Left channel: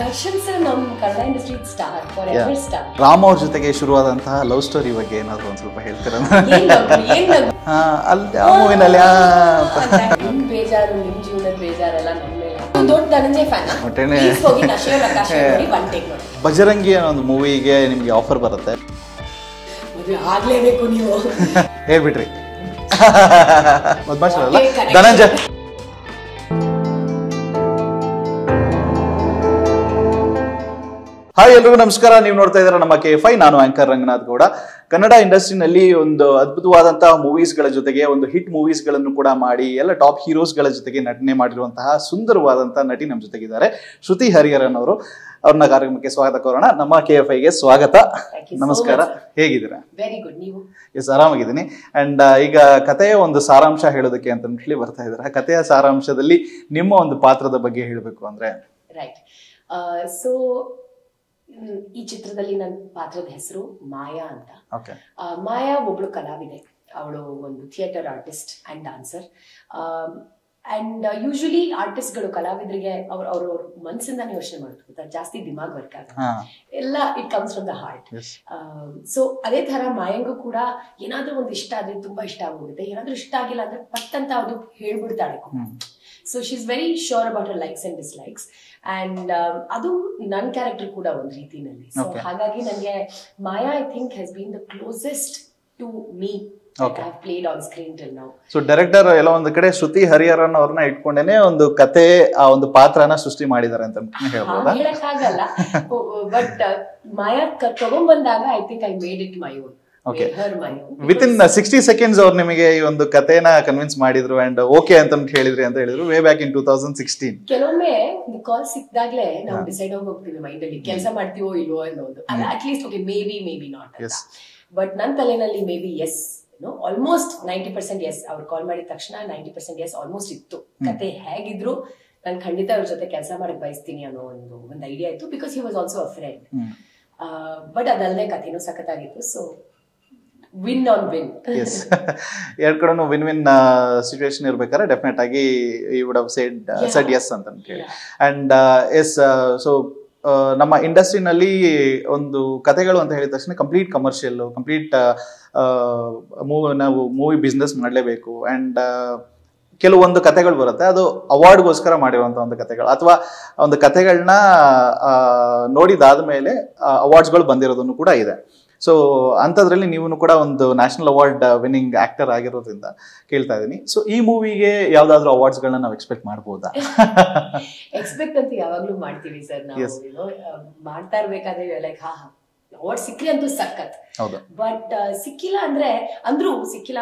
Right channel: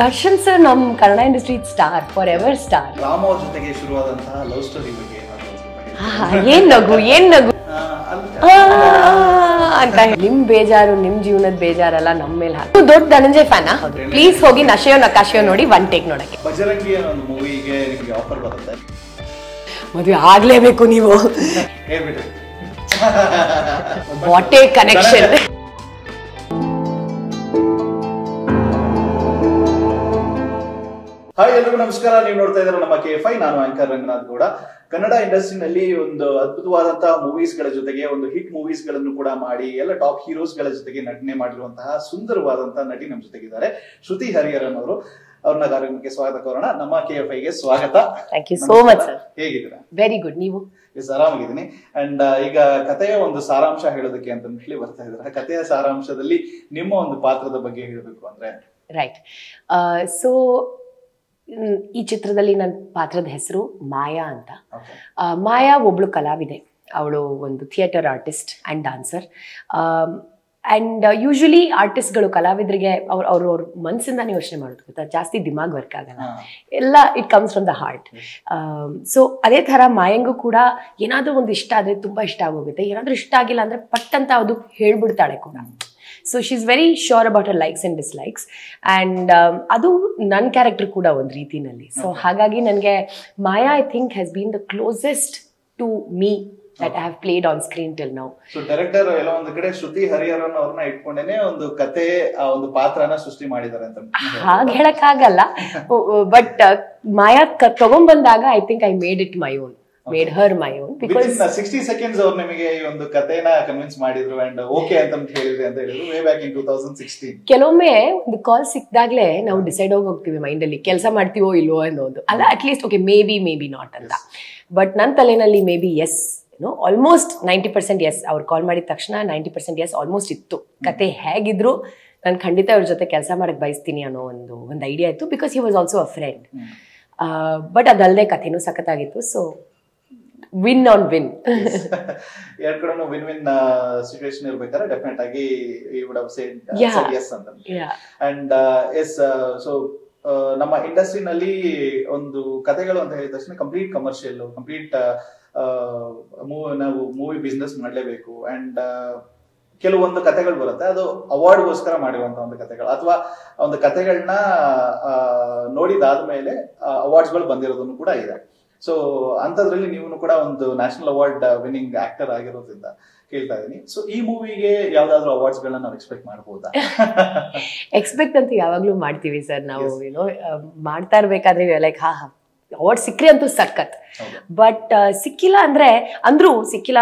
Darshan sir ನಮ್ಮ Kannada industry star for ever star. Ram ಅವ್ರ ಜೊತೆಗೆ ಶುರುವಾದಂತಹ ಲವ್ ಸ್ಟೋರಿ ಬಗ್ಗೆ ಏನಾದ್ರು ಒಂದ್ ಸ್ವಲ್ಪ ಹೇಳ್ತೀರಾ? ಏನ್ ನಗು ನಿಮ್ ಬೇಜಾರು ನಿಮ್ ಜೀವನದ ಬೇಜಾರಲ್ಲ ನಮ್ಮ ಮೇಲೆ ದೊಡ್ಡ ಧನಂಜಯ್ ಫ್ಯಾನ್. ಪ್ಲೀಸ್ ಹೋಗಿ ನಶೆಯೋ ನಕಾಶೆಯೋ ನೋಡಿ ಒನ್ ಟೇಕ್ ನೋಡಕ್ಕೆ. ಬಜರಂಗಿ ಅನ್ನೋ ಒಂದು ಮೂವಿಗೆ ನಿಮ್ಗೆ ಆಫರ್ ಬರುತ್ತೆ, ಮದುವೆ ಆಗ್ಲೇಬೇಕು ನೀವು ಹೇಳ್ಬಿಟ್ರಿ. What a connection. ಹಾಯ್ ಎಲ್ರಿಗೂ ನಮಸ್ಕಾರ. ನೀವು ನೋಡ್ತಾ ಇದ್ದೀರಾ ನಮ್ಮ KFI. ನಾನು ಆಂಕರ್ ರಂಗನಾಥ್ ಗೌಡ. ಕನ್ನಡ ಇಂಡಸ್ಟ್ರಿನಲ್ಲಿ ಒಂದು ಅದ್ಭುತವಾದಂತಹ ಮೂವೀಸ್ ಗಳ ಜೊತೆಗೆ ಒಂದು ಹಿಟ್ ಮೂವೀಸ್ ಗಳನ್ನು ಕೂಡ ಮಾಡಿ ಎಲ್ಲ ಟಾಪ್ ಹೀರೋಸ್ ಗಳ ಜೊತೆಗೆ ನಟನೆ ಮಾಡಿರುವಂತಹ ಸುಂದರವಾದಂತಹ ನಟಿ ನಮ್ಮ ಜೊತೆಗಿದ್ದಾರೆ, ಶ್ರುತಿ ಹರಿಹರನ್ ಅವರು. ಅವ್ರನ್ನ ಕಾರ್ಯಕ್ರಮಕ್ಕೆ ಸ್ವಾಗತ ಕೋರೋಣ. ನಮ್ಮ KFIಗೆ ಸ್ವಾಗತ. ಹೇಗಿದ್ದೀರಾ? Very good. ನೀವು? ಎಸ್, ಆರಾಮಾಗಿದ್ದೀನಿ. ಅಂಡ್ ಈಗ ಕಥೆಯ ಒಂದು ಸಾರಾಂಶ ಹೇಳೋದಕ್ಕೆ ಅಂತ ಹೇಳಿ ಬರ್ತಾ ಇದ್ದಾರೆ. ಕಥೆಯ ಸಾರಾಂಶದಲ್ಲಿ ನಿಮ್ಮ ಒಂದು ಪಾತ್ರದ ಬಗ್ಗೆ ಹೇಳಬೇಕು ಅಂದ್ರೆ? ರೈಟ್. ಸೊ ಈ ಚಿತ್ರದಲ್ಲಿ ನನ್ನ ಪಾತ್ರದ ಹೆಸರು ಮಾಯಾ ಅಂತ. ಮಾಯಾ ಒಬ್ಳು ಕಲಾವಿದೆ. ಅವಳು ಒಂದು theatre artist and dancer. And usually ಆರ್ಟಿಸ್ಟ್ಗಳು ಕಲಾವಿದರಿಗೆ ಅವ್ರ ಮನಸ್ಸಿಂದಾನೇ ಯೋಚನೆ ಮಾಡೋದು ಗೊತ್ತಾ, ಜಾಸ್ತಿ ದಿಮಾಗ್ ವರ್ಕ್ ಆಗಲ್ಲ, ಎಲ್ಲ it comes from the heart. So ಅದೇ ತರ ಮಾಯಂಗೂ ಕೂಡ ಏನಾದ್ರೂ ಒಂದು ಇಷ್ಟ ಆದ್ರೆ ತುಂಬಾ ಇಷ್ಟ ಆಗೋಗುತ್ತೆ, ಏನಾದ್ರೂ ಇಷ್ಟ ಆಗಿಲ್ಲ ಅಂದ್ರೆ ಪಟ್ ಅಂತ ಅದು ಹೇಳ್ಬಿಡ್ತಾಳೆ ಕೂಡ. So she is very sure about her likes and dislikes. And ಅದು ನನ್ನ ಕ್ಯಾರೆಕ್ಟರ್ ಕೂಡ ಒಂದು ರೀತಿನಲ್ಲಿ. ಸೊ ಹಾಗಾಗಿ ನನಗೆ Maya I think has been the closest to me that I have played on screen till now. So director ಎಲ್ಲ ಒಂದು ಕಡೆ ಶ್ರುತಿ ಹರಿಹರನ್ ಅವ್ರನ್ನ ಇಟ್ಕೊಂಡೇನೆ ಒಂದು ಕತೆ ಆ ಒಂದು ಪಾತ್ರನ ಸೃಷ್ಟಿ ಮಾಡಿದ್ದಾರೆ ಅಂತ ಹೇಳಕ್ಕಾಗಲ್ಲ. ಬಟ್ ಮಾಯಾ ತಗೊಂಡ್ಬಂದಾಗ I think I made it my own. Made her my own. Within 60 seconds ಅವ್ರು ನಿಮಗೆ ಈ ಒಂದು ಕಥೆನ ಕನ್ವಿನ್ಸ್ ಮಾಡಿದ್ರು ಅಂಡ್ ಓಕೆ ಅಂತ ಹೇಳಿದ್ರಿ ಅಂತ ಹೇಳಿದ್ರು ವೇ ಬ್ಯಾಕ್ ಇನ್ 2016. ಕೆಲವೊಮ್ಮೆ ಒಂದು ಕಾಲ್ ಸಿಕ್ದಾಗ್ಲೇ ನಾವು ಡಿಸೈಡ್ ಹೋಗ್ತೀವಿ ಮೈಂಡ್ ಅಲ್ಲಿ, ಕೆಲಸ ಮಾಡ್ತೀವೋ ಇಲ್ವೋ ಅನ್ನೋದು ಅಲ್ಲ. At least okay may be not ಅಂತ. ಬಟ್ ನನ್ನ ತಲೆನಲ್ಲಿ may be yes, almost 90% yes. ಅವ್ರು ಕಾಲ್ ಮಾಡಿದ ತಕ್ಷಣ 90% ಎಸ್ ಆಲ್ಮೋಸ್ಟ್ ಇತ್ತು. ಕತೆ ಹೇಗಿದ್ರು ನಾನು ಖಂಡಿತ ಅವ್ರ ಜೊತೆ ಕೆಲಸ ಮಾಡಕ್ ಬಯಸ್ತೀನಿ ಅನ್ನೋ ಒಂದು ಐಡಿಯಾ ಇತ್ತು. Because he was also a friend. But ಅದಲ್ಲದೆ ಕಥೆನೂ ಸಖತ್ತಾಗಿತ್ತು. So win on win. ಎರಡ್ ಕಡೆನೂ ವಿನ್ ವಿನ್ ಸಿಚುವೇಶನ್ ಇರ್ಬೇಕಾದ್ರೆ ಡೆಫಿನೆಟ್ ಆಗಿ you would have said yes ಅಂತ. ಅಂಡ್ ಎಸ್, ಸೊ ನಮ್ಮ ಇಂಡಸ್ಟ್ರಿನಲ್ಲಿ ಒಂದು ಕಥೆಗಳು ಅಂತ ಹೇಳಿದ ತಕ್ಷಣ ಕಂಪ್ಲೀಟ್ ಕಮರ್ಷಿಯಲ್, ಕಂಪ್ಲೀಟ್ ನಾವು ಮೂವಿ ಬಿಸ್ನೆಸ್ ಮಾಡಲೇಬೇಕು. ಅಂಡ್ ಕೆಲವೊಂದು ಕಥೆಗಳು ಬರುತ್ತೆ, ಅದು ಅವಾರ್ಡ್ಗೋಸ್ಕರ ಮಾಡಿರುವಂತ ಒಂದು ಕಥೆಗಳು, ಅಥವಾ ಒಂದು ಕಥೆಗಳನ್ನ ನೋಡಿದಾದ್ಮೇಲೆ ಅವಾರ್ಡ್ಸ್ಗಳು ಬಂದಿರೋದನ್ನು ಕೂಡ ಇದೆ. ಸೊ ಅಂಥದ್ರಲ್ಲಿ ನೀವು ಕೂಡ ಒಂದು ನ್ಯಾಷನಲ್ ಅವಾರ್ಡ್ ವಿನ್ನಿಂಗ್ ಆಕ್ಟರ್ ಆಗಿರೋದ್ರಿಂದ ಕೇಳ್ತಾ ಇದೀನಿ. ಸೊ ಈ ಮೂವಿಗೆ ಯಾವ್ದಾದ್ರು ಅವಾರ್ಡ್ಸ್ ಗಳನ್ನ ನಾವು ಎಕ್ಸ್ಪೆಕ್ಟ್ ಮಾಡಬಹುದಾ? ಎಕ್ಸ್ಪೆಕ್ಟ್ ಅಂತ ಯಾವಾಗ್ಲೂ ಮಾಡ್ತೀವಿ ಸರ್ ನಾವು. ಮಾಡ್ತಾ ಇರ್ಬೇಕಾದ್ರೆ ಲೈಕ್ ಅವಾರ್ಡ್ ಸಿಕ್ಕ್ರಿ ಅಂತೂ ಸಖತ್. ಬಟ್ ಸಿಕ್ಕಿಲ್ಲ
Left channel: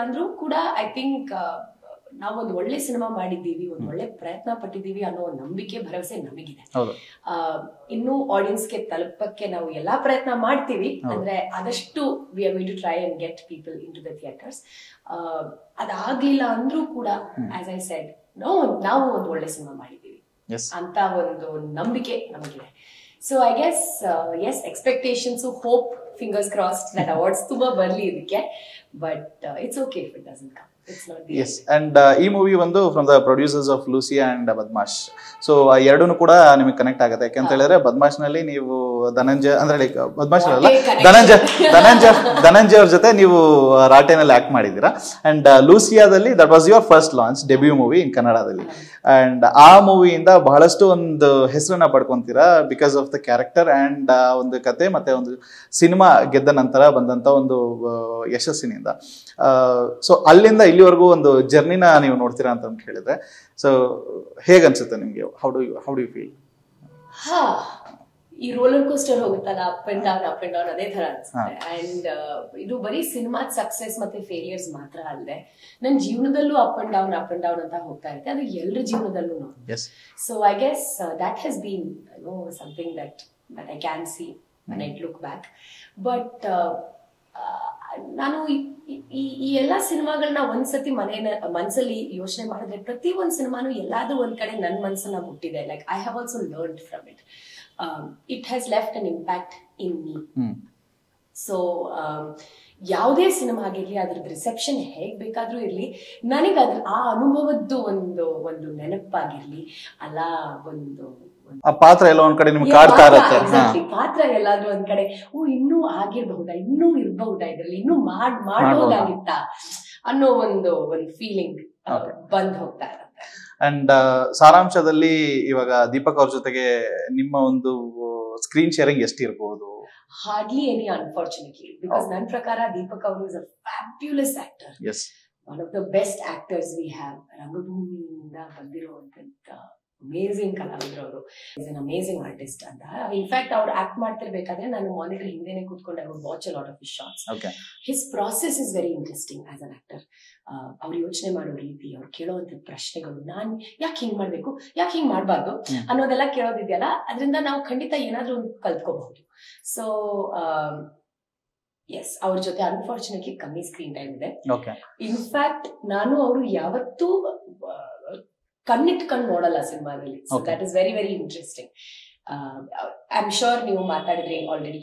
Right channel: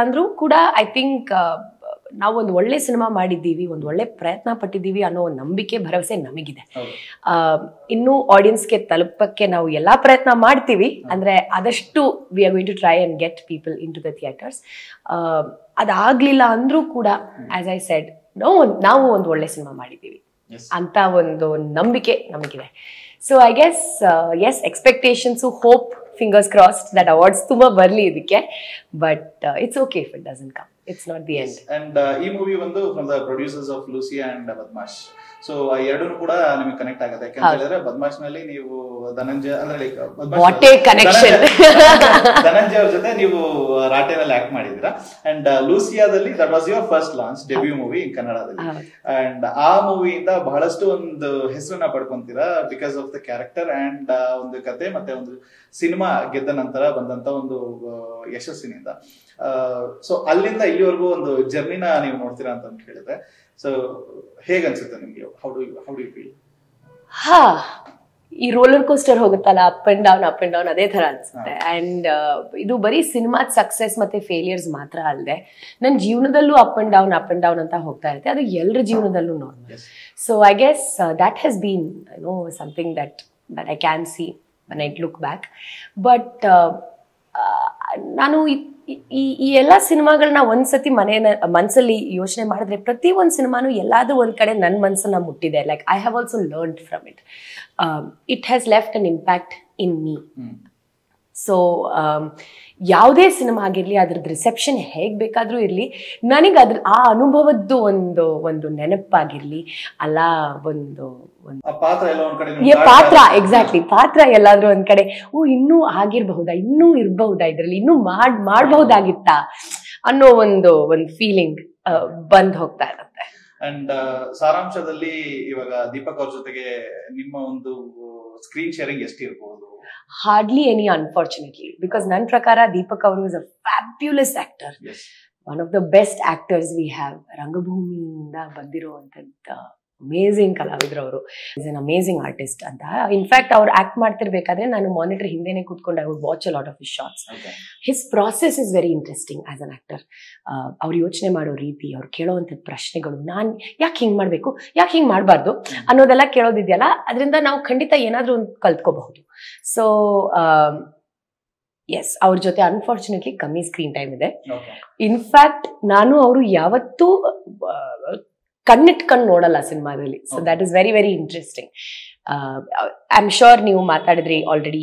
ಅಂದ್ರೂ ಕೂಡ ಐ ಥಿಂಕ್ ನಾವು ಒಂದು ಒಳ್ಳೆ ಸಿನಿಮಾ ಮಾಡಿದ್ದೀವಿ, ಒಂದು ಒಳ್ಳೆ ಪ್ರಯತ್ನ ಪಟ್ಟಿದ್ದೀವಿ ಅನ್ನೋ ಒಂದು ನಂಬಿಕೆ, ಭರವಸೆ ನಮಗಿದೆ. ಇನ್ನು ಆಡಿಯನ್ಸ್ಗೆ ತಲುಪಕ್ಕೆ ನಾವು ಎಲ್ಲಾ ಪ್ರಯತ್ನ ಮಾಡ್ತೀವಿ. ಅಂದ್ರೆ ಆದಷ್ಟು we are going to try and get people into the theatres. ಅದಾಗ್ಲಿಲ್ಲ ಅಂದ್ರೂ ಕೂಡ ಆಸ್ ಐ ಸೆಡ್ ನಾವು ಒಂದು ಒಳ್ಳೆ ಸಿನಿಮಾ ಮಾಡಿದ್ದೀವಿ ಅಂತ ಒಂದು ನಂಬಿಕೆ ನಮಗಿದೆ. So I guess yes, expectations, hope, fingers crossed that awards ತುಂಬಾ ಬರ್ಲಿ ಇದಕ್ಕೆ. But it's okay if it doesn't come. It's not the end. And ಈ ಮೂವಿ ಒಂದು from the producers of Lucia and Badmaash. So ಎರಡೂ ಕೂಡ ನಿಮಗೆ ಕನೆಕ್ಟ್ ಆಗುತ್ತೆ. ಯಾಕಂತ ಹೇಳಿದ್ರೆ ಬದ್ಮಾಶ್ ನಲ್ಲಿ ನೀವು ಧನಂಜಯ್ ಅಂದ್ರೆ ಲೈಕ್ ಧನಂಜಯ್ ಅವ್ರ ಜೊತೆ ನೀವು ರಾಟೆನಲ್ಲಿ ಆಕ್ಟ್ ಮಾಡಿದ್ದೀರಾ. ಅಂಡ್ ಲೂಸಿಯಾದಲ್ಲಿ that was your first launch debut movie in ಕನ್ನಡದಲ್ಲಿ. ಅಂಡ್ ಆ ಮೂವಿಯಿಂದ ಬಹಳಷ್ಟು ಒಂದು ಹೆಸರನ್ನ ಪಡ್ಕೊಂತೀರಾ because of the character and ಒಂದು ಕತೆ ಮತ್ತೆ ಒಂದು ಸಿನಿಮಾ ಗೆದ್ದ ನಂತರ ಬಂದಂತ ಒಂದು ಯಶಸ್ಸಿನಿಂದ. ಸೊ ಅಲ್ಲಿಂದ ಇಲ್ಲಿವರೆಗೂ ಒಂದು ಜರ್ನಿನ ನೀವು ನೋಡ್ತೀರಾ ಅಂತ ಹೇಳಿದ್ರೆ, ಸೊ ಹೇಗನ್ಸುತ್ತೆ ನಿಮ್ಗೆ? How do you feel? ಈ ರೋಲರ್ ಕೋಸ್ಟರ್ ಹೋಗುತ್ತಲ್ಲ, ಅಪ್ ಅಂಡ್ ಡೌನ್ ಅದೇ ತರ ಅನ್ಸುತ್ತೆ. ಅಂಡ್ ಇದು ಬರೀ ಸಿನಿಮಾದ ಸಕ್ಸಸ್ ಮತ್ತೆ ಫೇಲಿಯರ್ಸ್ ಮಾತ್ರ ಅಲ್ಲದೆ ನನ್ನ ಜೀವನದಲ್ಲೂ ಅಪ್ ಅಂಡ್ ಡೌನ್ ಅಂತ ಹೋಗ್ತಾ ಇರುತ್ತೆ. ಅದು ಎಲ್ಲರ ಜೀವನದಲ್ಲೂ normal. So I guess that has been something that I can see when I look back. But ನಾನು ಈ ಎಲ್ಲಾ ಸಿನಿಮಾಗಳನ್ನ ಒಂದ್ಸತಿ ಮನ್ಸಲ್ಲಿ ಯೋಚನೆ ಮಾಡಿದ್ರೆ ಪ್ರತಿ ಒಂದ್ ಸಿನಿಮಾನು ಎಲ್ಲಾದ್ರೂ ಒಂದ್ ಕಡೆ ನನ್ನ ಮನ್ಸನ್ನ ಮುಟ್ಟಿದೆ. Like I have also learned from it. It has left an impact in me. So ಯಾವುದೇ ಸಿನಿಮಾ ಆಗಿರ್ಲಿ ಅದ್ರದ್ದು ರಿಸೆಪ್ಷನ್ ಹೇಗ್ ಬೇಕಾದ್ರೂ ಇರ್ಲಿ, ನನಗೆ ಆ ಅನುಭವದ್ದು ಒಂದು ನೆನಪಾಗಿರ್ಲಿ, ಅಲ್ಲ ಒಂದು ಪಾತ್ರ ಎಲ್ಲ ಒಂದ್ ಕಡೆ ಎಕ್ಸಾಕ್ಟ್ಲಿ ಪಾತ್ರ ಎಲ್ಲಾದ್ರೂ ಒಂದ್ ಕಡೆ ಇನ್ನೂ ಆಗಿರ್ಬಹುದಾ, ಇನ್ನೂ ಇರ್ಬಹುದಾ, ಇದ್ರಲ್ಲಿ ಇನ್ನೂ ಮಾಡ್ಬಹುದಾಗಿತ್ತಾ ಅನ್ನೋ ಒಂದು ಫೀಲಿಂಗ್ ಬಂದ್ ಹೋಗ್ತಾ ಇರುತ್ತೆ. ಅಂಡ್ ಸಾರಾಂಶದಲ್ಲಿ ಇವಾಗ ದೀಪಕ್ ಅವ್ರ ಜೊತೆಗೆ ನಿಮ್ಮ ಒಂದು ಸ್ಕ್ರೀನ್ ಶೇರಿಂಗ್ ಎಷ್ಟಿರ್ಬಹುದು? Hardly any, unfortunately, because ನನ್ನ ಪ್ರಕಾರ ದೀಪಕ್ ಅವರು is a fabulous actor. Yes. One of the best actors we have. ರಂಗಭೂಮಿಯಿಂದ ಬಂದಿರುವಂತಂತ ಅಮೇಸಿಂಗ್ ಕಲಾವಿದ್ರು ಅವರು. ಇಸ್ ಅನ್ ಅಮೇಸಿಂಗ್ ಆರ್ಟಿಸ್ಟ್ ಅಂತ. ಇನ್ಫ್ಯಾಕ್ಟ್ ಅವ್ರು ಆಕ್ಟ್ ಮಾಡ್ತಿರ್ಬೇಕಾದ್ರೆ ನಾನು ಮಾನಿಟರ್ ಹಿಂದೆನೆ ಕೂತ್ಕೊಂಡು I would watch a lot of his shots. His process is very interesting as an actor. ಅವ್ರು ಯೋಚನೆ ಮಾಡೋ ರೀತಿ, ಅವ್ರು ಕೇಳೋವಂಥದ್ದು ಪ್ರಶ್ನೆಗಳು, ನಾನು ಯಾಕೆ ಹಿಂಗ್ ಮಾಡ್ಬೇಕು, ಯಾಕೆ ಹಿಂಗ್ ಮಾಡಬಾರ್ದು ಅನ್ನೋದೆಲ್ಲ ಕೇಳೋದಿದೆಯಲ್ಲ, ಅದರಿಂದ ನಾವು ಖಂಡಿತ ಏನಾದ್ರೂ ಒಂದು ಕಲ್ತ್ಕೋಬಹುದು. ಸೊ ಎಸ್, ಅವ್ರ ಜೊತೆ ಅನ್ಫಾರ್ಚುನೇಟ್ಲಿ ಕಮ್ಮಿ ಸ್ಕ್ರೀನ್ ಟೈಮ್ ಇದೆ. ಇನ್ಫ್ಯಾಕ್ಟ್ ನಾನು ಅವರು ಯಾವತ್ತೂ ಕಣ್ಣಿಟ್ಕೊಂಡು ನೋಡಲ್ಲ ಸಿನಿಮಾದಲ್ಲಿ. So that is very very interesting. I am sure ನೀವು ಮಾತಾಡಿದ್ರಿ ಆಲ್ರೆಡಿ,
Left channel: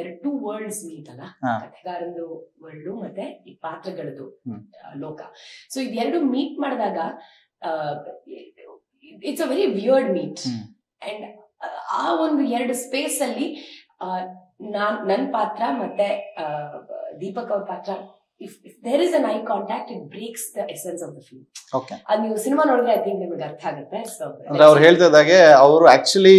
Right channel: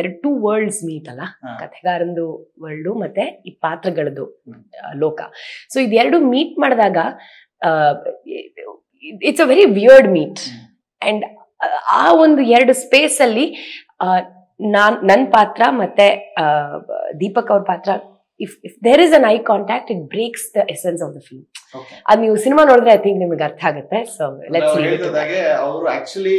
ಎರಡು ವರ್ಲ್ಡ್ಸ್ ಮೀಟ್ ಅಲ್ಲ, ಕಥೆಗಾರಂದು ವರ್ಲ್ಡು ಮತ್ತೆ ಈ ಪಾತ್ರಗಳದ್ದು ಲೋಕ. ಸೊ ಇದೆರಡು ಮೀಟ್ ಮಾಡಿದಾಗ it's a very weird meet. And ಆ ಒಂದು ಎರಡು ಸ್ಪೇಸ್ ಅಲ್ಲಿ ನನ್ನ ಪಾತ್ರ ಮತ್ತೆ ದೀಪಕ್ ಅವ್ರ ಪಾತ್ರ, if there is an eye contact, it breaks the essence of the film. ಅದು ನೀವು ಸಿನಿಮಾ ನೋಡಿದ್ರೆ ಐ ಥಿಂಕ್ ನಿಮ್ಗೆ ಅರ್ಥ ಆಗುತ್ತೆ. ಸೊ ಅವ್ರು ಹೇಳ್ತಿದ್ದಾಗೆ ಅವರು ಆಕ್ಚುಲಿ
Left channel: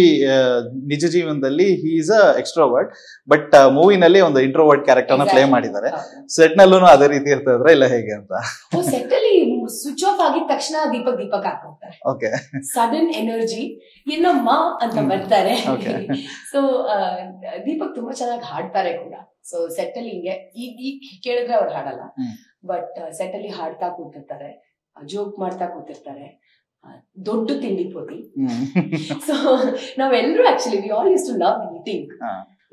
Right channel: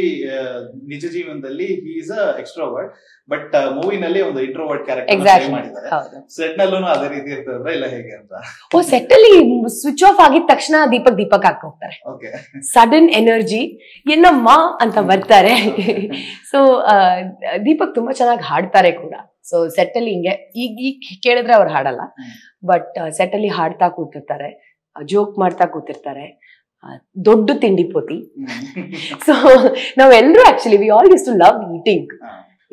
ನಿಜ ಜೀವನದಲ್ಲಿ he is a extrovert, but ಮೂವಿನಲ್ಲಿ ಒಂದು ಇಂಟ್ರೋವರ್ಟ್ ಕ್ಯಾರೆಕ್ಟರ್ ಪ್ಲೇ ಮಾಡಿದ್ದಾರೆ. ಸೆಟ್ ನಲ್ಲೂ ಅದೇ ರೀತಿ ಇರ್ತಿದ್ರೆ ಇಲ್ಲ ಹೇಗೆ ಅಂತ? ಸೆಟ್ ಅಲ್ಲಿ ಸ್ವಿಚ್ ಆಫ್ ಆಗಿದ ತಕ್ಷಣ ದೀಪಕ್ ಹಾಕಿ ಹೋಗ್ತಾರೆ. ಸಡನ್ ಎನರ್ಜಿ ಏನಮ್ಮ ಅಂತ ಬರ್ತಾರೆ. ಸೊ ದೀಪಕ್ ತುಂಬಾ ಚೆನ್ನಾಗಿ ಹಾಡ್ತಾರೆ ಕೂಡ. ಸೊ ಸೆಟ್ ಅಲ್ಲಿ ಹಿಂಗೆ ಈಗ ಕೇಳಿದ್ರೆ ಅವ್ರು ಹಾಡಲ್ಲ, ಬಟ್ ಸೆಟ್ ಅಲ್ಲಿ ಹಾಡ್ತಾ ಕೂತಿರ್ತಾರೆ, ಜೋಕ್ ಮಾಡ್ತಾ ಕೂತಿರ್ತಾರೆ, ದೊಡ್ಡ ತಿಂಡಿ ಪೋತಿ. ಸೊ ನಾವೆಲ್ಲರೂ actually we all used to love eating.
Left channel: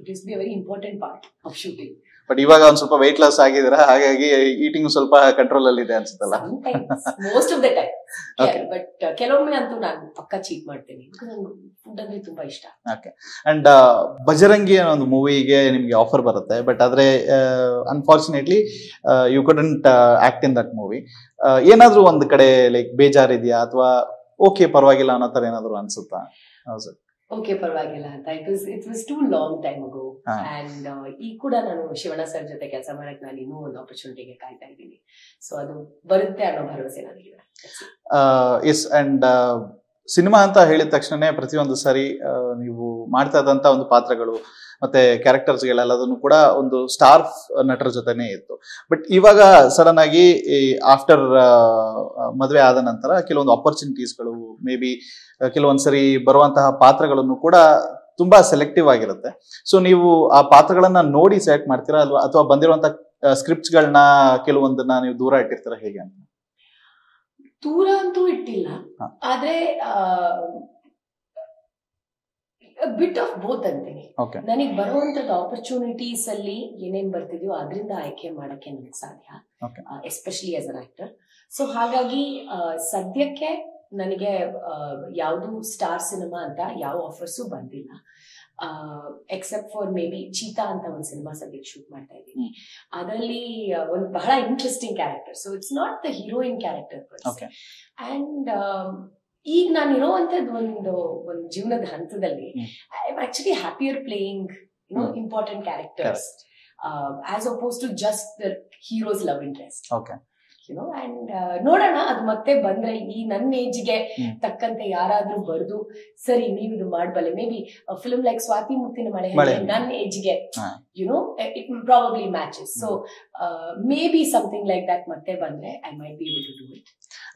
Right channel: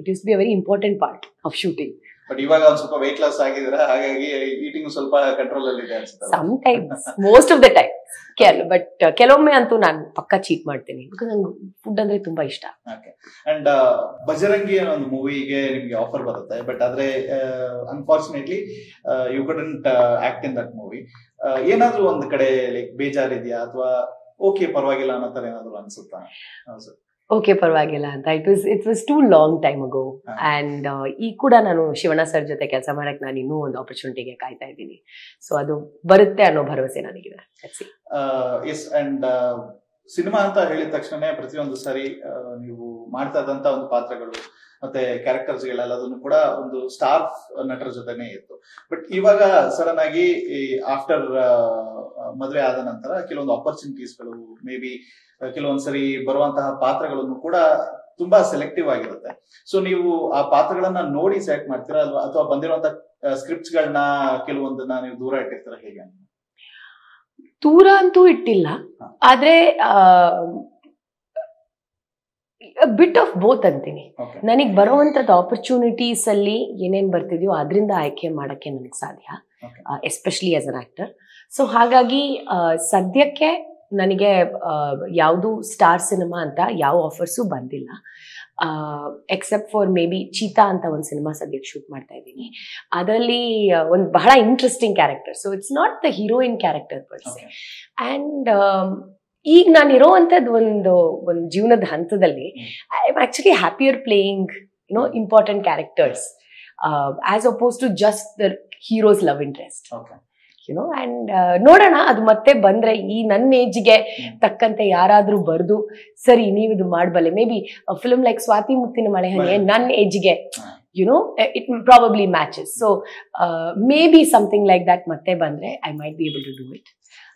It used be a very important part of shooting. But ಇವಾಗ ಒಂದ್ ಸ್ವಲ್ಪ ವೆಯ್ಟ್ ಲಾಸ್ ಆಗಿದ್ರ, ಹಾಗಾಗಿ ಈಟಿಂಗ್ ಸ್ವಲ್ಪ ಕಂಟ್ರೋಲ್ ಅಲ್ಲಿ ಇದೆ ಅನ್ಸುತ್ತಲ್ಲ? Sometimes, most of the time. But ಕೆಲವೊಮ್ಮೆ ಅಂತೂ ನಾನು ಪಕ್ಕಾ ಚೀಟ್ ಮಾಡ್ತೀನಿ, ಬಿಕಾಸ್ ನಂಗೆ ಫುಡ್ ಅಂದ್ರೆ ತುಂಬಾ ಇಷ್ಟ. ಅಂಡ್ ಬಜರಂಗಿ ಅನ್ನೋ ಒಂದು ಮೂವಿಗೆ ನಿಮ್ಗೆ ಆಫರ್ ಬರುತ್ತೆ, ಬಟ್ ಆದ್ರೆ unfortunately you couldn't act in that movie. ಏನಾದ್ರೂ ಒಂದ್ ಕಡೆ ಲೈಕ್ ಬೇಜಾರಿದ್ಯಾ, ಅಥವಾ ಓಕೆ ಪರವಾಗಿಲ್ಲ ಅನ್ನೋ ತರ ಏನಾದ್ರು ಅನ್ಸುತ್ತಾ? ಓಕೆ ಪರವಾಗಿಲ್ಲ ಅಂತ. It was two long time agro. And ಈಗ ಕೂಡ ನಾನು ಶಿವಣ್ಣ ಸರ್ ಜೊತೆ ಕೆಲಸ ಮಾಡಕ್ ನಾನು ಇನ್ನೂ ಒಂದು ಆಪರ್ಚುನಿಟಿಗೆ ಕಾಯ್ತಾ ಇದ್ದೀನಿ. ಸೊ ಅದು ಬರುತ್ತೆ ಅನ್ನೋ ಭರವಸೆ ನನಗಿದೆ. ಎಸ್. ಅಂಡ್ ಸಿನಿಮಾ ಅಂತ ಹೇಳಿದ ತಕ್ಷಣನೇ ಪ್ರತಿಯೊಂದು ಸಾರಿ ನೀವು ಮಾಡ್ತಾ ಇದ್ದಂತ ಒಂದು ಪಾತ್ರಗಳು ಮತ್ತೆ ಕ್ಯಾರೆಕ್ಟರ್ಸ್ಗಳೆಲ್ಲದನ್ನು ಕೂಡ ಒಂದು ಸ್ಟಾರ್ ನಟರ ಜೊತೆನೆ ಇತ್ತು. ಬಟ್ ಇವಾಗ ಸಡನ್ ಆಗಿ ಆಫ್ಟರ್ ಮದುವೆ ಆದ ನಂತರ ಕೆಲವೊಂದು ಆಪರ್ಚುನಿಟೀಸ್ಗಳು, ಮೇ ಬಿ ಕೆಲವೊಂದ್ಸರಿ ಬರುವಂತಹ ಪಾತ್ರಗಳನ್ನು ಕೂಡ ತುಂಬಾ ಸೆಲೆಕ್ಟಿವ್ ಆಗಿರುತ್ತೆ. ಸೊ ನೀವು ಆ ಪಾತ್ರಗಳನ್ನ ನೋಡಿ ಸೆಲೆಕ್ಟ್ ಮಾಡ್ತೀರಾ, ಅಥವಾ ಬಂದಿರುವಂತಹ ಸ್ಕ್ರಿಪ್ಟ್ಸ್ ಗಳನ್ನ ಕೆಲವೊಂದನ್ನ ನೀವು ದೂರ ಇಟ್ಟಿರ್ತೀರಾ, ಹೇಗೆ ಅಂತ? ದೂರ ಅಂತೂ ಇಟ್ಟಿಲ್ಲ, ಆದ್ರೆ ಬಿಟ್ ಆಫ್ ಬೋತ್ ಅಂತೀನಿ. ನನಗ್ ಬರುವಂತದ್ದು ಆಪರ್ಚುನಿಟೀಸ್ ಅಲ್ಲಿ ಏನೇನ್ ಬರ್ತಿದ್ಯೋ ಅದರಿಂದ ಆಯ್ಕೆ ಮಾಡಕ್ಕೆ ನನಗೆ ಸಾಧ್ಯ, especially as an actor. So ಹಾಗಾಗಿ ಸದ್ಯಕ್ಕೆ ನನಗೆ ಯಾವುದು ಸ್ಟಾರ್ ಸಿನಿಮಾ ಅಂತ ಯಾವ ಆಫರ್ಸು ಬಂದಿಲ್ಲ, accept for may be cheetah ಅಂತ ಒಂದು ಸಿನಿಮಾ ಸದ್ಯಕ್ಕೆ ಶೂಟ್ ಮಾಡ್ತಾ ಇದ್ದೀನಿ. ಅದರಲ್ಲಿ ಒಂದು ಬಹಳ interesting character. So it's not the heroine character per se. And ಈಗ ನಾನು ಇರೋವಂಥದ್ದು ಒಂದು ಜೀವನದ ಹಂತದಲ್ಲಿ I am actually happier playing important characters as opposed just the heroes love interest. And ನೋಡೋಣ, ಅದು ಮತ್ತೆ ಬಂದ್ರೆ ಈ ನನ್ನ ಏಜ್ಗೆ ತಕ್ಕಂತೆ ಯಾರಾದ್ರೂ ಬರ್ದು ಸರಿ ನೀವು ಇದು ಮಾಡಬಲ್ಲೆ, maybe film like Swathi Muthina Male ಹಂಗೆ ನನ್ನ ಏಜ್ಗೆ it probably matches. So maybe something like that ಮತ್ತೆ ಬಂದ್ರೆ I might be able to do it.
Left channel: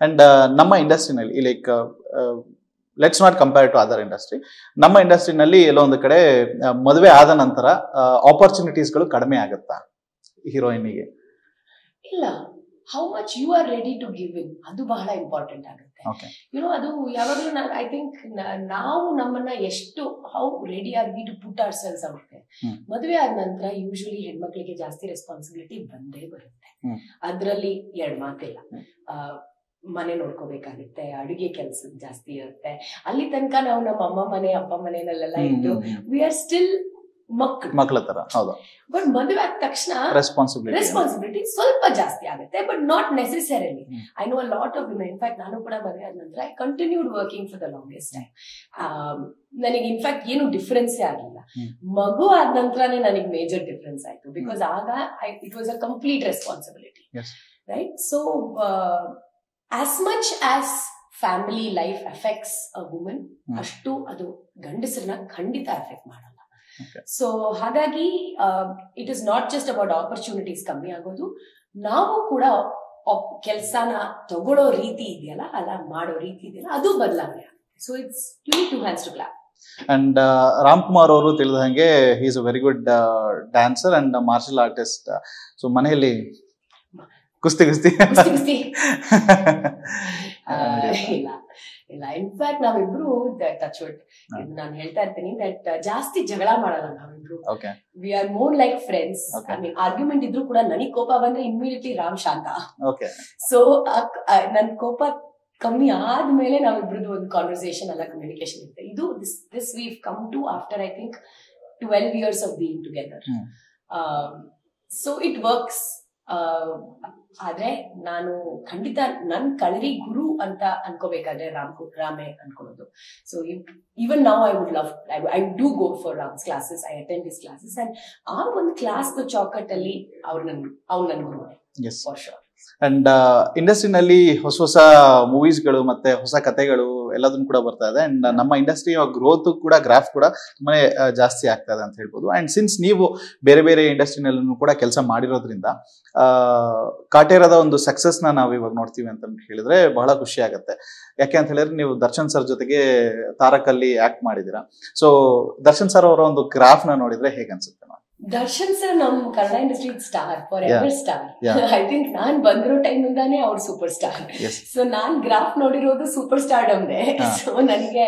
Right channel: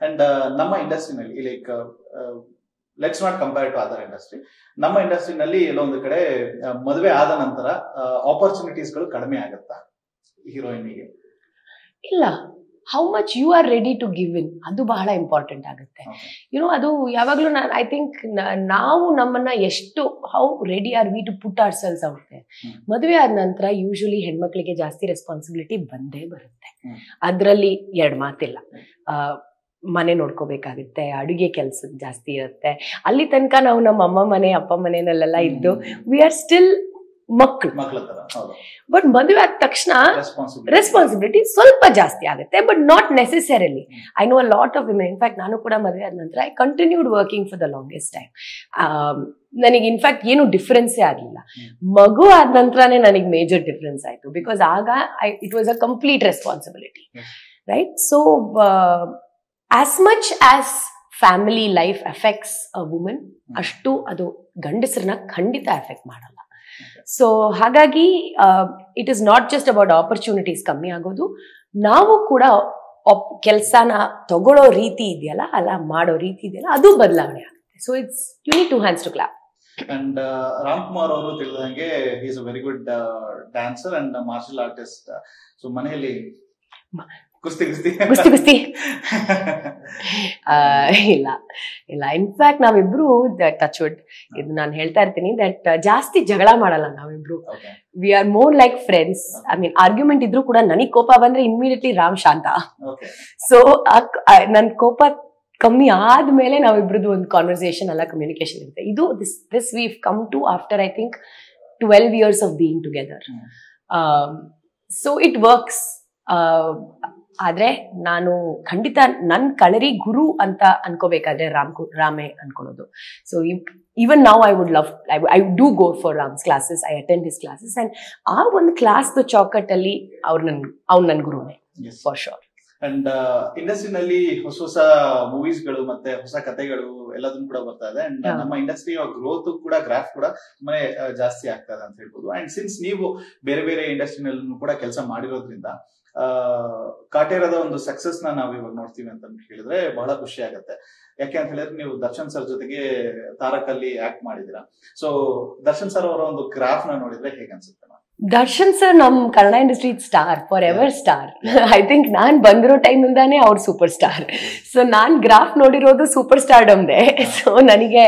And ನಮ್ಮ ಇಂಡಸ್ಟ್ರಿನಲ್ಲಿ like let's not compare to other industry, ನಮ್ಮ ಇಂಡಸ್ಟ್ರಿನಲ್ಲಿ ಎಲ್ಲೋ ಒಂದು ಕಡೆ ಮದುವೆ ಆದ ನಂತರ ಆಪರ್ಚುನಿಟೀಸ್ಗಳು ಕಡಿಮೆ ಆಗುತ್ತಾ ಹೀರೋಯಿನ್ಗೆ? ಇಲ್ಲ, how much you are ready to give in, ಅದು ಬಹಳ ಇಂಪಾರ್ಟೆಂಟ್ ಆಗುತ್ತೆ. ಅದು ಯಾವಾಗ್ಲೂ ಐ ಥಿಂಕ್ ನಾವು ನಮ್ಮನ್ನ ಎಷ್ಟು how ready are we to put our selves out there. ಮದುವೆ ಆದ ನಂತರ ಯೂಶಲಿ ಹೆಣ್ಮಕ್ಳಿಗೆ ಜಾಸ್ತಿ ರೆಸ್ಪಾನ್ಸಿಬಿಲಿಟಿ ಬಂದೇ ಬರುತ್ತೆ. ಅದ್ರಲ್ಲಿ ಎರಡು ಮಾತಿಲ್ಲ. ಮನೆ ನೋಡ್ಕೋಬೇಕಾಗುತ್ತೆ, ಅಡುಗೆ ಕೆಲಸ ಜಾಸ್ತಿ ಇರುತ್ತೆ. ಅಲ್ಲಿ ತನಕ ನಾವು ನಮ್ಮ ಅಮ್ಮ ಮನೆ ಅಪ್ಪ ಮನೆಯಲ್ಲೆಲ್ಲ ಇದ್ದು ವಿ ಆರ್ ಸ್ಟಿಲ್ ಮಕ್ಕಳ ತರ. ಹೌದು. ಬಟ್ ಮದುವೆ ಆದ ತಕ್ಷಣ ರೆಸ್ಪಾನ್ಸಿಬಿಲಿಟಿ ಸ್ವಲ್ಪ ಜಾಸ್ತಿ ಆಗುತ್ತೆ, but not necessarily. I know a lot of women. In fact ನಾನು ಕೂಡ ಮದುವೆ ಆದ ನಂತರ I continued working for the longest time. ನನಗೆ ಇನ್ಫ್ಯಾಕ್ಟ್ ಏನು ಡಿಫ್ರೆನ್ಸೇ ಆಗಲಿಲ್ಲ. ಮಗು ಆದ ನಂತರನೇ ನನಗೆ ಮೇಜರ್ ಡಿಫ್ರೆನ್ಸ್ ಆಯ್ತು, ಬಿಕಾಸ್ ಆಗ it was a complete responsibility, right? So as much as family life effects a woman, ಅಷ್ಟು ಅದು ಗಂಡಸರನ್ನ ಖಂಡಿತ ಎಫೆಕ್ಟ್ ಮಾಡಲ್ಲ. ಸೊ ಹಾಗಾಗಿ it is not just about opportunities ಕಮ್ಮಿ ಆಗೋದು, ನಾವು ಕೂಡ ಕೆಲಸನ ತಗೊಳ್ಳೋ ರೀತಿ ಇದೆಯಲ್ಲ, ಅಲ್ಲ ಮಾಡೋ ರೀತಿ ಇದೆಯಲ್ಲ, ಅದು ಬದಲಾವಣೆ ಆಗುತ್ತೆ. So it's you need 2 hands to clap. And Ramkumar ಅವರು ತಿಳಿದ ಹಾಗೆ he is a very good dancer and martial artist. So ಮನೆಯಲ್ಲಿ ಕುಸ್ತಿ ಇಲ್ಲ ಇಲ್ಲ. ಇನ್ಫ್ಯಾಕ್ಟ್ ನಾವಿಬ್ರು ಟಚ್ ವುಡ್, ಇದು ನಾನು ಹೇಳ್ತಾ ಇರ್ತೀನಿ, ದಟ್ ಜಾಸ್ತಿ ಜಗಳ ಮಾಡಲ್ಲ ನಾವಿಬ್ರು. We are more like friends. I mean argument ಇದ್ರು ಕೂಡ ನನಗ್ ಕೋಪ ಬಂದ್ರೆ ಇಮಿಡಿಯೇಟ್ಲಿ ರಾಮ್ ಶಾಂತ. ಸೊ ನನ್ ಕೋಪ ಕಮ್ಮಿ ಆದ್ಮೇಲೆ ನಾವಿಬ್ರದ್ದು ಒಂದು ಕಾನ್ವರ್ಸೇಷನ್ ಅಲ್ಲ, ಕಮ್ಯುನಿಕೇಶನ್ ಇರುತ್ತೆ. ಇದು this we come to after I think 12 years of being together. So it works. ಆದ್ರೆ ನಾನು ಖಂಡಿತ ನನ್ ಕಳರಿ ಗುರು ಅಂತ ಅನ್ಕೋಬೇಕಾದ್ರೆ ರಾಮೇ ಅನ್ಕೊಳ್ಳೋದು. So even now I would love, I do go for Ram's classes, I attend his classes, and ಆ ಒಂದು ಕ್ಲಾಸ್ ಚೌಕಟ್ಟಲ್ಲಿ ಅವ್ನು ನನ್ ಗುರುನೇ ಫಾರ್ ಶೋರ್. ಅಂಡ್ ಇಂಡಸ್ಟ್ರಿನಲ್ಲಿ ಹೊಸ ಮೂವೀಸ್ಗಳು ಮತ್ತೆ ಹೊಸ ಕಥೆಗಳು ಎಲ್ಲದನ್ನು ಕೂಡ ಬರ್ತಾ ಇದೆ. ಅಂಡ್ ನಮ್ಮ ಇಂಡಸ್ಟ್ರಿ ಗ್ರೋತ್ ಕೂಡ ಗ್ರಾಫ್ ಕೂಡ ತುಂಬಾನೇ ಜಾಸ್ತಿ ಆಗ್ತಾ ಇದೆ ಅಂತ ಹೇಳ್ಬೋದು. ಅಂಡ್ ಸಿನ್ಸ್ ನೀವು ಬೇರೆ ಬೇರೆ ಇಂಡಸ್ಟ್ರಿನಲ್ಲೂ ಕೂಡ ಕೆಲಸ ಮಾಡಿರೋದ್ರಿಂದ ಕಾಟೇರದ ಒಂದು ಸಕ್ಸಸ್ ನಾವು ಇವಾಗ ನೋಡ್ತೀವಿ ಅಂತ ಹೇಳಿದ್ರೆ ಬಹಳ ಖುಷಿ ಆಗುತ್ತೆ. ಯಾಕೆ ಅಂತ ಹೇಳಿದ್ರೆ ನೀವು ದರ್ಶನ್ ಸರ್ ಜೊತೆಗೆ ತಾರಕಲ್ಲಿ ಆಕ್ಟ್ ಮಾಡಿದೀರಾ. ಸೊ ದರ್ಶನ್ ಸರ್ ಅವರ ಒಂದು ಗ್ರಾಫ್ ನ ನೋಡಿದ್ರೆ ಹೇಗೆ ಅನ್ಸುತ್ತೆ? ದರ್ಶನ್ ಸರ್ ನಮ್ Kannada industry star, for ever star. I think ನಾನ್ ಬಂದಿರೋ ಟೈಮ್ ಇಂದಾನೆ ಅವ್ರ ಸೂಪರ್ ಸ್ಟಾರ್. ಸೊ ನಾನ್ ಗ್ರಾಫ್ ನೋಡಿರೋದು ಸೂಪರ್ ಸ್ಟಾರ್ಡಮ್ದೆ. ಸೊ ನನಗೆ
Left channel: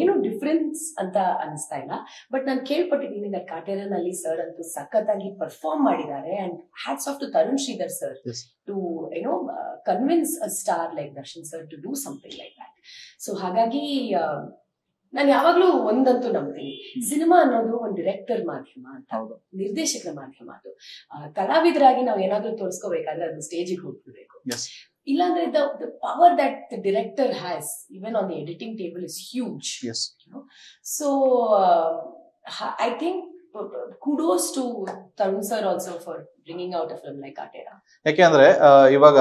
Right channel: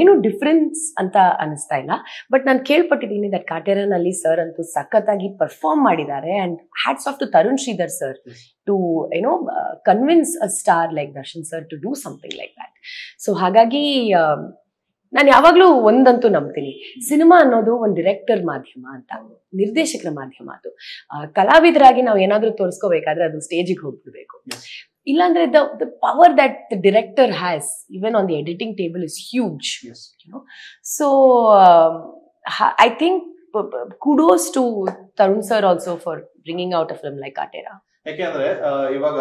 ಏನು ಡಿಫ್ರೆನ್ಸ್ ಅಂತ ಅನಿಸ್ತಾ ಇಲ್ಲ. ಬಟ್ ನಾನು ಕೇಳ್ಪಟ್ಟಿದ್ದೀನಿ ದಟ್ ಕಾಟೇರನಲ್ಲಿ ಸರ್ ಅಂತೂ ಸಖತ್ತಾಗಿ ಪರ್ಫಾರ್ಮ್ ಮಾಡಿದ್ದಾರೆ. And hats off to Tarun Sridhar sir to convince a star like Darshan sir to do something like that. So ಹಾಗಾಗಿ ನಾನು ಯಾವಾಗ್ಲೂ ಒಂದಂತೂ ನಂಬ್ತೀನಿ, ಸಿನಿಮಾ ಅನ್ನೋದು ಒಂದು ಡಿರೆಕ್ಟರ್ ಮಾಧ್ಯಮ ಅಂತ, ನಿರ್ದೇಶಕರ ಮಾಧ್ಯಮ. ಅದು ಕಲಾವಿದರಾಗಿ ನಾವು ಏನಾದ್ರೂ ತೋರಿಸ್ಕೋಬೇಕಾದ್ರೆ ಅದು ಸ್ಟೇಜಿಗೆ ಹೋಗ್ಬಿಡ್ಬೇಕು. ಇಲ್ಲಾಂದ್ರೆ the power that the director has even on the editing table is huge. So I think kudos to Tarun sir also for bringing out a film like Katera. ಯಾಕೆ ಅಂದ್ರೆ ಇವಾಗ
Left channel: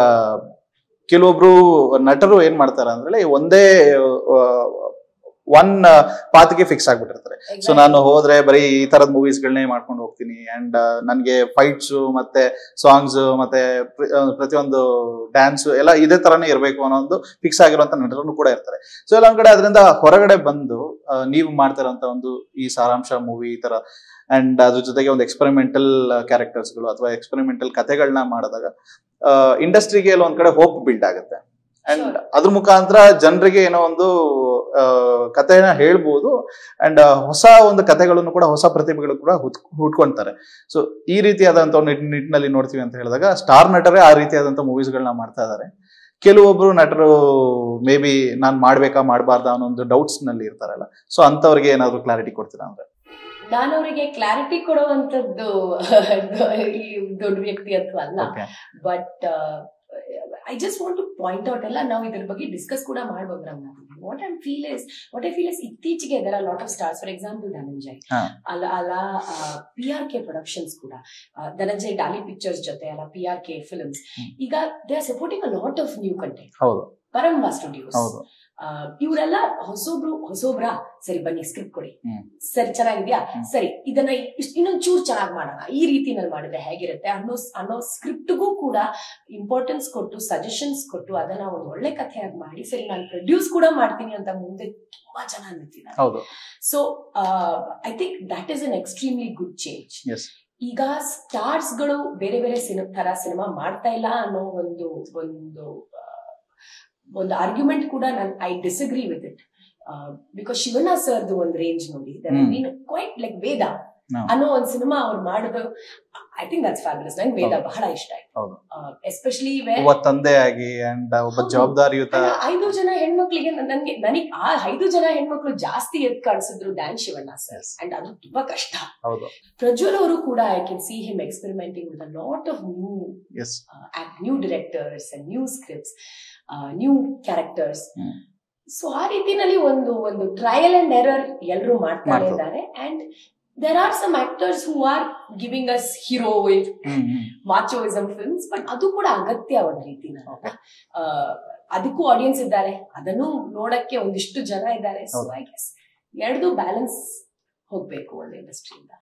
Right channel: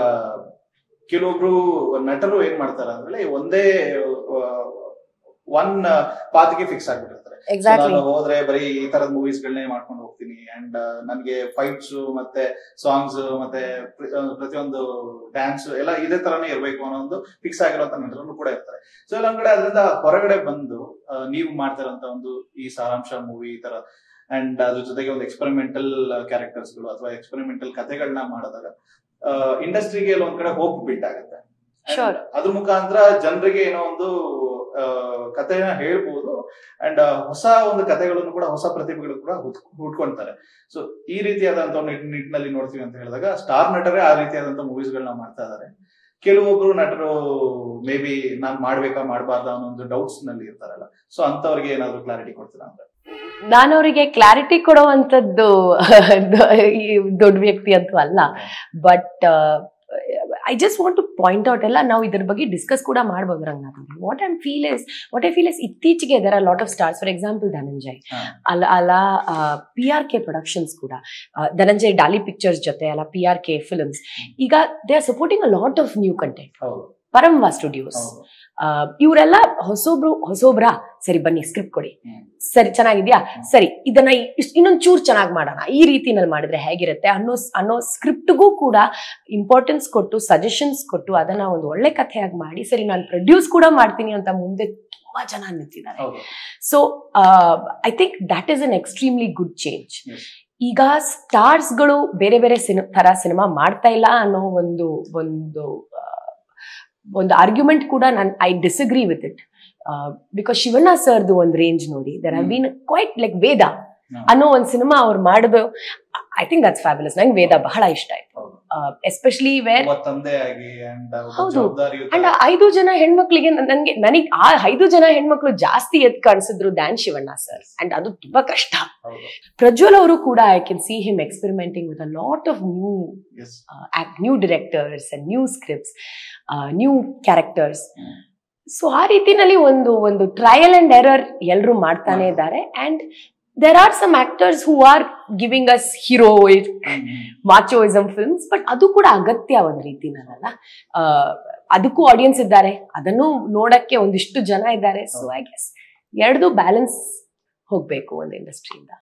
ಕೆಲವೊಬ್ರು ನಟರು ಏನ್ ಮಾಡ್ತಾರ ಅಂದ್ರೆ ಒಂದೇ ಒನ್ ಪಾತ್ಗೆ ಫಿಕ್ಸ್ ಆಗ್ಬಿಟ್ಟಿರ್ತಾರೆ. ಸೊ ನಾನು ಹೋದ್ರೆ ಬರೀ ಈ ತರದ ಮೂವೀಸ್ ಗಳನ್ನೇ ಮಾಡ್ಕೊಂಡು ಹೋಗ್ತೀನಿ, ಅಂಡ್ ನನ್ಗೆ ಫೈಟ್ಸ್ ಮತ್ತೆ ಸಾಂಗ್ಸ್ ಮತ್ತೆ ಪ್ರತಿಯೊಂದು ಡ್ಯಾನ್ಸ್ ಎಲ್ಲ ಇದೇ ತರಾನೇ ಇರ್ಬೇಕು ಅನ್ನೋ ಒಂದು ಫಿಕ್ಸ್ ಆಗಿರುವಂತ ನಟರು ಕೂಡ ಇರ್ತಾರೆ. ಸೊ ಎಲ್ಲ ಒಂದ್ ಕಡೆ ಅದರಿಂದ ಹೊರಗಡೆ ಬಂದು ನೀವು ಮಾಡ್ತಿರೋಂತ ಒಂದು ಈ ಸಾರಾಂಶ ಮೂವಿ ಈ ತರ ಅಂಡ್ ಅದ್ರ ಜೊತೆಗೆ ಒಂದು ಎಕ್ಸ್ಪೆರಿಮೆಂಟಲ್ ಕ್ಯಾರೆಕ್ಟರ್ಸ್ಗಳು ಅಥವಾ ಎಕ್ಸ್ಪೆರಿಮೆಂಟಲ್ ಕಥೆಗಳನ್ನ ಮಾಡಿದಾಗ ಇಂಡಸ್ಟ್ರಿಗೆ ಒಂದ್ ಕಡೆ ಹೋಪ್ ಬಿಲ್ಡ್ ಆಗುತ್ತೆ. ಅಂಡ್ ಅದ್ರ ಮುಖಾಂತರ ಜನರಿಗೆ ಏನೋ ಒಂದು ಕಥೆನ ಹೇಳ್ಬೋದು ಅಂಡ್ ಹೊಸ ಒಂದು ಕಥೆಗಳನ್ನು ಕೂಡ ಹೊಸ ಪ್ರತಿಭೆಗಳು ಕೂಡ ಹುಟ್ಕೊಂತಾರೆ. ಸೊ ಈ ರೀತಿಯಾದಂತ ನಿಟ್ಟಿನಲ್ಲಿ ನೋಡ್ತೀವಿ ಅಂತ ಹೇಳಿದಾಗ ಸ್ಟಾರ್ ನಟರೇ ಆ ರೀತಿಯಾದಂತ ಮೂವೀಸ್ ಗಳನ್ನ ಮಾಡ್ತಾ ಇದಾರೆ. ಕೆಲವೊಬ್ರು ನಟರು ಮೇ ಬಿ ನಾನ್ ಮಾಡ್ಬೇಕಾ ಮಾಡ್ಬಾರ್ದಾ ಅನ್ನೋ ಒಂದು ಡೌಟ್ಸ್ ನಲ್ಲಿ ಇರ್ತಾರಲ್ಲ, ಸೊ ಅಂತವ್ರಿಗೆ ಏನಾದ್ರು ಕ್ಲಾರಿಟಿ ಕೊಡ್ತೀರಾ ಅಂದ್ರೆ? ನಾನು ಅವರಿಗೆ ಕ್ಲಾರಿಟಿ ಕೊಡುವಂತದ್ದು ದೊಡ್ಡ ವ್ಯಕ್ತಿ ಅಂತೂ ಅಲ್ಲ, but I just want to point out ಎಲ್ಲ ನಾವು ಇದ್ರ ಬಗ್ಗೆ ಡಿಸ್ಕಸ್ ಕೂಡ ಮಾಡ್ಬೋದು Ranganath. What I feel is ಇತ್ತೀಚೆಗೆ there are lot of stars. For example Dhananjay ಅಲ್ಲ PRK ಪ್ರೊಡಕ್ಷನ್ಸ್ ಕೂಡ, ಧನಂಜಯ್ ಡಾಲಿ ಪಿಕ್ಚರ್ಸ್ ಜೊತೆ ಅಲ್ಲ PRK ಫಿಲ್ಮ್ಸ್, ಈಗ they are supporting a lot of new content. Paramvah studios ಇವರೆಲ್ಲ ಹೊಸೊಬ್ರಾ ಸರಿ ಬನ್ನಿ ಸ್ಕ್ರಿಪ್ಟ್ ಕೊಡಿ, ಸರಿ ಚೆನ್ನಾಗಿದ್ಯಾ, ಸರಿ ಇದನ್ನ ಇನ್ನೊಂದ್ ಚೂರ್ ಚೆನ್ನಾಗಿ ಮಾಡೋಣ, ಈ ರೀತಿನಲ್ಲಿ ಮಾಡಿದ್ರೆ ಹೇಗಿರುತ್ತೆ ಅನ್ನೋ ಸ್ಕ್ರಿಪ್ಟ್ಗೂ ಕೂಡ ಇಂಪಾರ್ಟೆನ್ಸ್ ಕೊಟ್ಟು ಸಜೆಷನ್ಸ್ ಕೊಟ್ಟು ಅದನ್ನ ಒಂದು ಒಳ್ಳೆ ಕಥೆಯಾಗಿ ಮಾಡಿ ಸರಿ ನಾನು ಪ್ರೊಡ್ಯೂಸ್ ಕೂಡ ಮಾಡ್ತೀನಿ ಅಂತ ಮುಂದೆ ತುಂಬಾ ಜನ ನಿಂತಿದ್ದಾರೆ. So I think that is an extremely good change. ಈಗ ಸ್ಟಾರ್ಸ್ ಗಳು ಬೇರೆ ಬೇರೆ ತರ ಸಿನಿಮಾ ಮಾಡ್ತಾ ಇಲ್ಲ ಅನ್ನೋ ಒಂದು ಆರ್ಗ್ಯುಮೆಂಟ್ ಕೂಡ I disagree with it. Because Shivanna ಸರ್ದು ಒಂದು ರೇಂಜ್ ನೋಡಿ, there have been quite like Veda ಅನ್ನೋ ಒಂದ್ ಸಿನಿಮಾ ಅವ್ರು ಮಾಡಿದ್ರು. I think that's fabulous. ನಂಗೆ ವೇದ ಬಹಳ ಇಷ್ಟ ಆಯ್ತು, ಎಸ್ಪೆಷಲಿ ವೇರ್ ತಂದೆ ಆಗಿ ಅಂಡ್ ಒಬ್ಬ ಜವಾಬ್ದಾರಿಯುತ. 5 ಜನ ಹೆಣ್ಮಕ್ಳಿಗೆ ನನಗೆ ಆ 5 ಜನ ಹೆಣ್ಮಕ್ಳು ಜಾಸ್ತಿ ಎದ್ ಕಾಣಿಸಿದ್ರು ದ್ಯಾನ್ ಶಿವಣ್ಣ ಸರ್. ಅಂಡ್ ಅದು ತುಂಬಾ ಕಷ್ಟ. ಪ್ರಜ್ವಲ್ ಅವರು ಕೂಡ I can see him experimenting with a lot of new directors and new scripts, new characters. So ಆ ರೀತಿನಲ್ಲಿ ಒಂದು ಟ್ರಯಲ್ ಅಂಡ್ ಎರರ್ ಎಲ್ಲರೂ ಮಾಡ್ತಾನೆ ಇದ್ದಾರೆ. And there are some actors who are giving us heroic machoism films, but ಅದು ಕೂಡ ಅಗತ್ಯ ಒಂದ್ ರೀತಿನಲ್ಲ. ಅದಕ್ಕೂ ಆಡಿಯನ್ಸ್ ಇದ್ದಾರೆ, ಅದನ್ನು ನೋಡಕ್ಕೆ ಒಂದಿಷ್ಟು ಜನ ಇದ್ದಾರೆ. ಸೊ ಐ ಗೆಸ್ ಎರಡೂ ಬ್ಯಾಲೆನ್ಸ್ ಹೋಗ್ಬೇಕು ಒಂದು ಇಂಡಸ್ಟ್ರಿಯಿಂದ.